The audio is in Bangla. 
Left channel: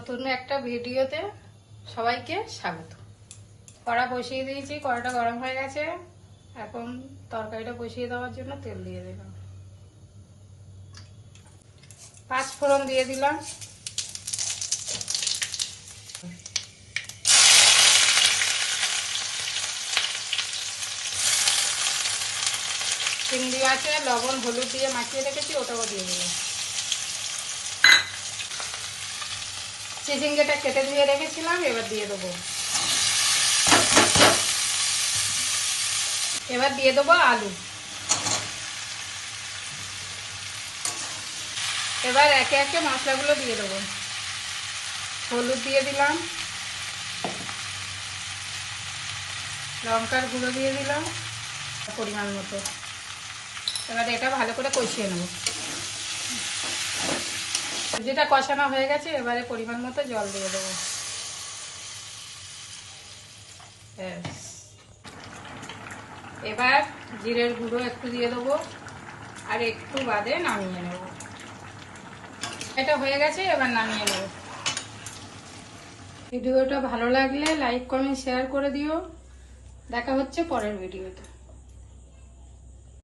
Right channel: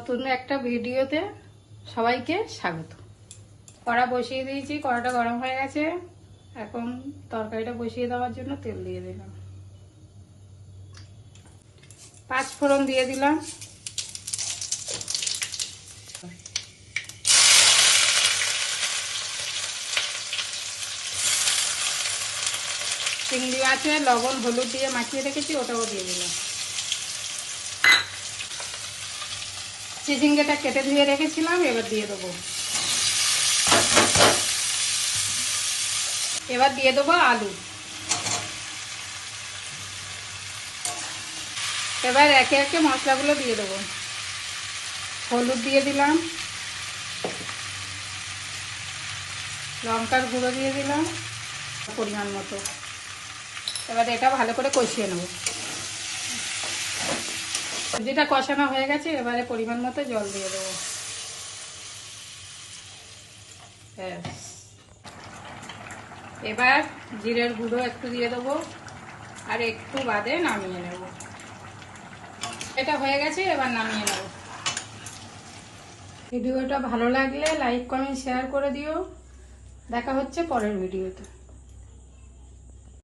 নতুন একটা ভিডিওতে সবাইকে স্বাগত। কড়া বসিয়ে দিয়েছি, কড়াটা গরম হয়ে গেছে। এখন তরকারিটা বসিয়ে দেওয়ার জন্য তেল দিয়ে দিলাম, 5 ফোড়ন দিয়ে দিলাম, চিংড়ি আছে, লবণ হলুদ দিয়ে মাখিয়ে রেখেছি, ওটাও দিয়ে দিলাম। চিচিঙ্গাটা কেটে ধুয়ে রেখেছিলাম, এবার দিয়ে দেবো। এবার দিয়ে দেবো আলু। এবার একে একে মশলাগুলো দিয়ে দেবো। হলুদ দিয়ে দিলাম, লঙ্কার গুঁড়ো দিয়ে দিলাম পরিমাণ মতো। এবার এটা ভালো করে কষিয়ে নেব। সবজিটা কষানো হয়ে গেছে, এবারে পরিমাণ মতো জল দিয়ে দেবো। এবার জিরের গুঁড়ো একটু দিয়ে দেবো, আর একটু বাদে নামিয়ে নেব। এটা হয়ে গেছে, এবার নামিয়ে নেব। ভিডিওটা ভালো লাগলে লাইক কমেন্ট শেয়ার করে দিও। দেখা হচ্ছে পরের ভিডিওতে।